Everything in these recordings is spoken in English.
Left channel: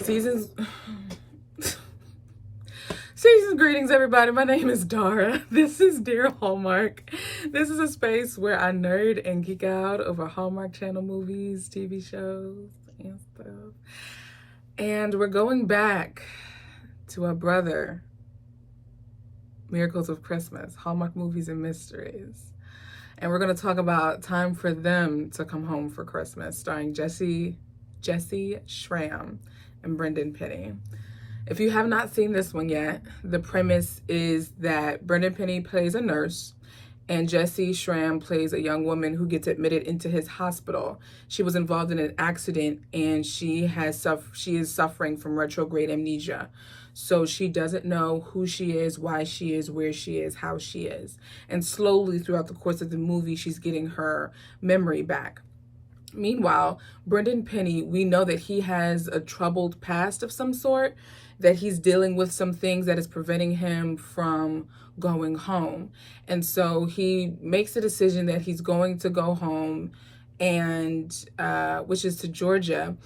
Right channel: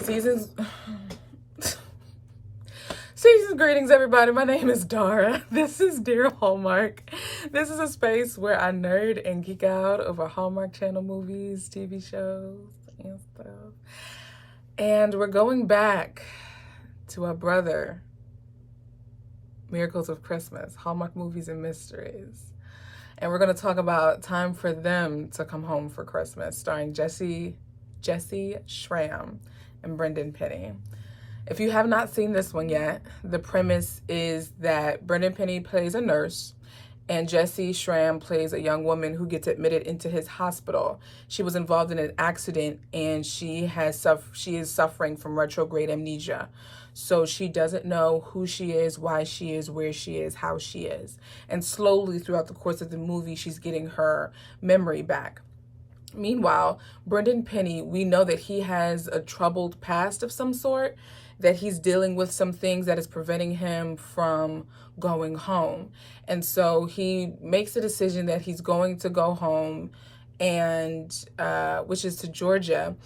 Seasons Seasons greetings, everybody. My name is Dara. This is Dear Hallmark. This is a space where I nerd and geek out over Hallmark Channel movies, TV shows, and stuff. And we're going back to our brother, Miracles of Christmas, Hallmark Movies and Mysteries. And we're going to talk about Time for Them to Come Home for Christmas, starring Jesse Schramm and Brendan Penny. If you have not seen this one yet, the premise is that Brendan Penny plays a nurse and Jesse Schramm plays a young woman who gets admitted into his hospital. She was involved in an accident and she is suffering from retrograde amnesia. So she doesn't know who she is, why she is, where she is, how she is. And slowly throughout the course of the movie, she's getting her memory back. Meanwhile, Brendan Penny, we know that he has a troubled past of some sort, that he's dealing with some things that is preventing him from going home. And so he makes a decision that he's going to go home, and which is to Georgia.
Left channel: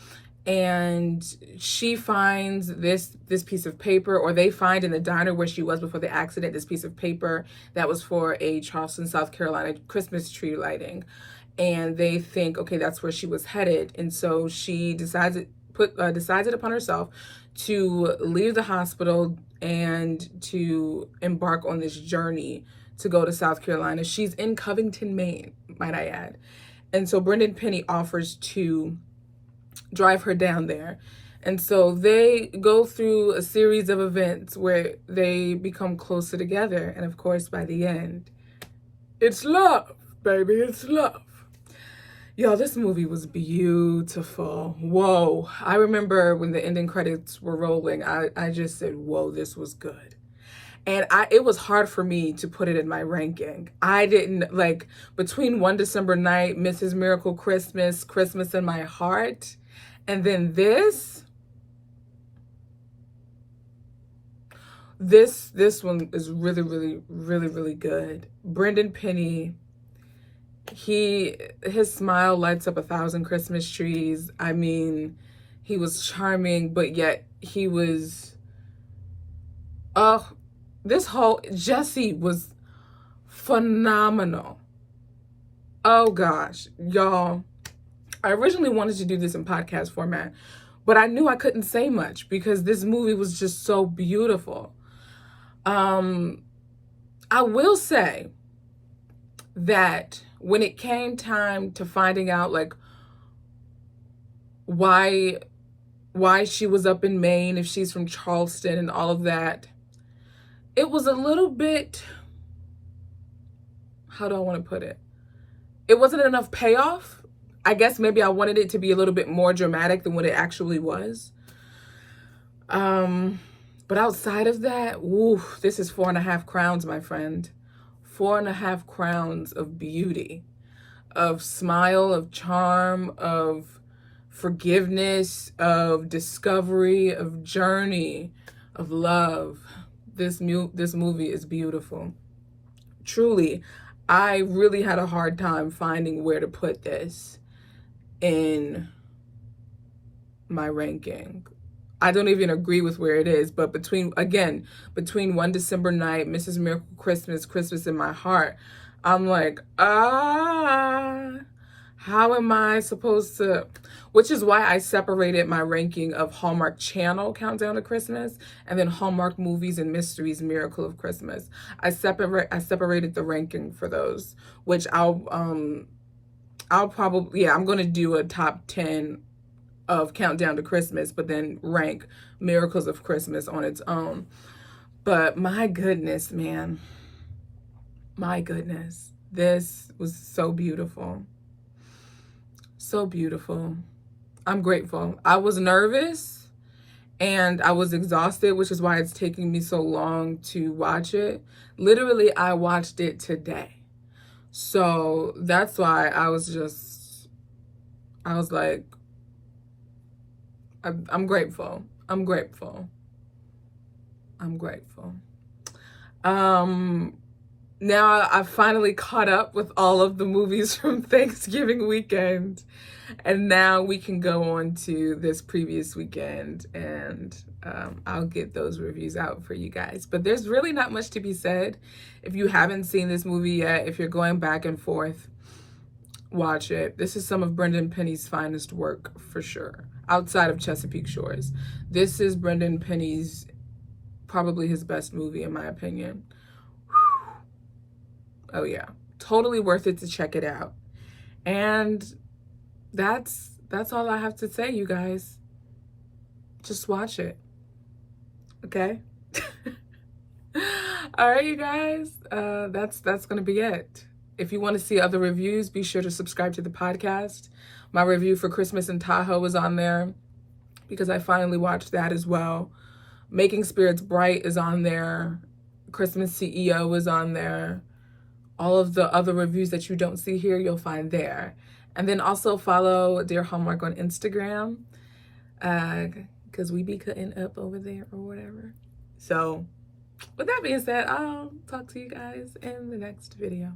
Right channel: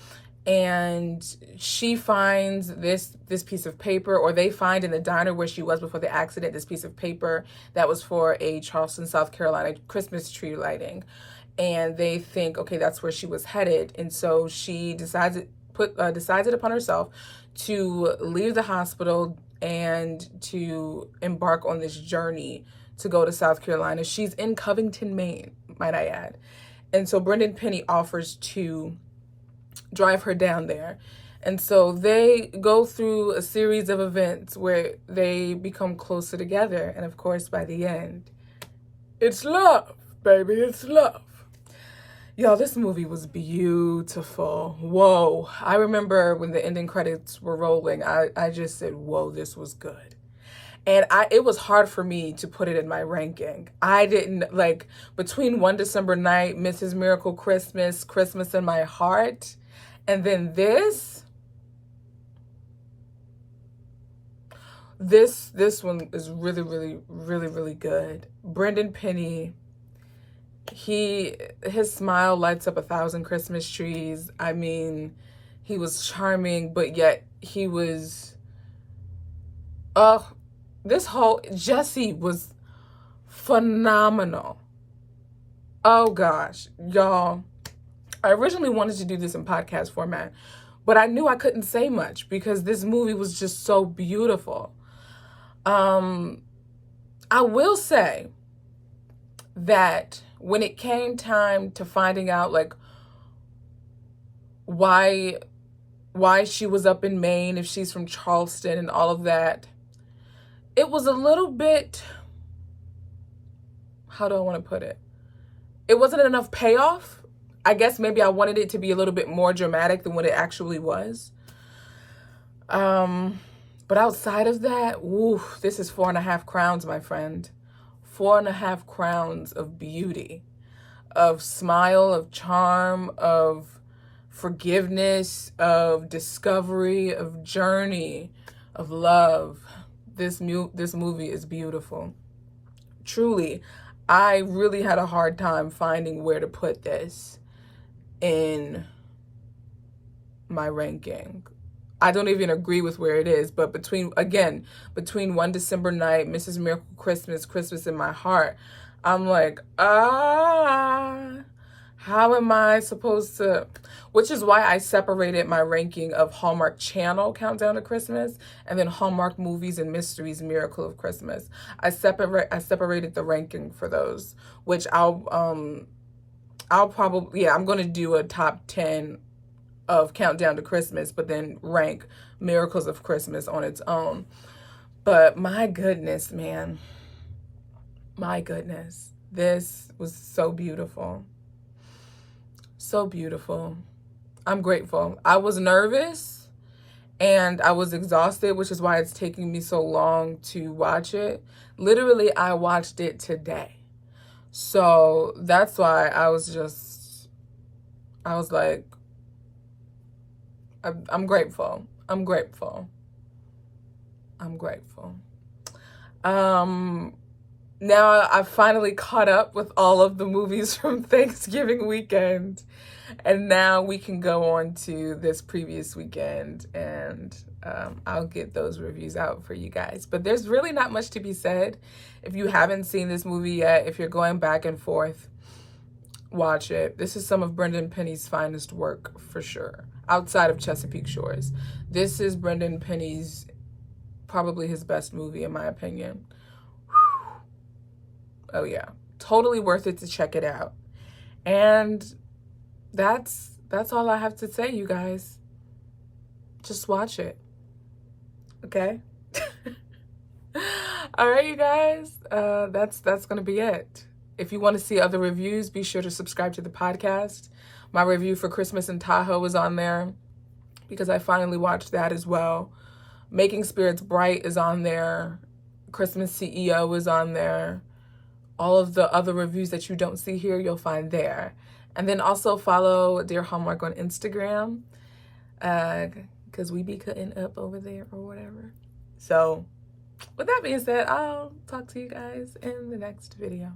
And she finds this piece of paper, or they find in the diner where she was before the accident, this piece of paper that was for a Charleston, South Carolina Christmas tree lighting. And they think, okay, that's where she was headed. And so she decides it upon herself to leave the hospital and to embark on this journey to go to South Carolina. She's in Covington, Maine, might I add. And so Brendan Penny offers to drive her down there. And so they go through a series of events where they become closer together. And of course, by the end, it's love, baby, it's love. Y'all, this movie was beautiful. Whoa. I remember when the ending credits were rolling, I just said, whoa, this was good. And it was hard for me to put it in my ranking. I didn't, like, between One December Night, Mrs. Miracle Christmas, Christmas in My Heart, and then this one is really, really, really, really good. Brendan Penny, his smile lights up 1,000 Christmas trees. I mean, he was charming, but yet he was, Jesse was phenomenal. Oh gosh, y'all. I originally wanted to do this in podcast format, but I knew I couldn't say much because this movie was just so beautiful. I will say that when it came time to finding out, like, why she was up in Maine, if she's from Charleston and all of that, it was a little bit, how do I want to put it? It wasn't enough payoff. I guess maybe I wanted it to be a little bit more dramatic than what it actually was. But outside of that, this is 4.5 crowns, my friend. 4.5 crowns of beauty, of smile, of charm, of forgiveness, of discovery, of journey, of love. This movie is beautiful. Truly, I really had a hard time finding where to put this in my ranking. I don't even agree with where it is, but between One December Night, Mrs. Miracle Christmas, Christmas in My Heart, I'm like, how am I supposed to, which is why I separated my ranking of Hallmark Channel Countdown to Christmas and then Hallmark Movies and Mysteries Miracle of Christmas. I separated the ranking for those, which I'm going to do a top 10 of Countdown to Christmas, but then rank Miracles of Christmas on its own. But my goodness, man. My goodness. This was so beautiful. So beautiful. I'm grateful. I was nervous and I was exhausted, which is why it's taking me so long to watch it. Literally, I watched it today. So that's why I was like, I'm grateful. I'm grateful. I'm grateful. now I've finally caught up with all of the movies from Thanksgiving weekend. And now we can go on to this previous weekend, and I'll get those reviews out for you guys. But there's really not much to be said. If you haven't seen this movie yet, if you're going back and forth, watch it. This is some of Brendan Penny's finest work for sure, outside of Chesapeake Shores. This is Brendan Penny's, probably his best movie in my opinion. Whew. Oh yeah, totally worth it to check it out. And that's all I have to say, you guys. Just watch it. Okay? All right, you guys. That's gonna be it. If you want to see other reviews, be sure to subscribe to the podcast. My review for Christmas in Tahoe is on there because I finally watched that as well. Making Spirits Bright is on there. Christmas CEO is on there. All of the other reviews that you don't see here, you'll find there. And then also follow Dear Hallmark on Instagram, because we be cutting up over there or whatever. So with that being said, I'll talk to you guys in the next video.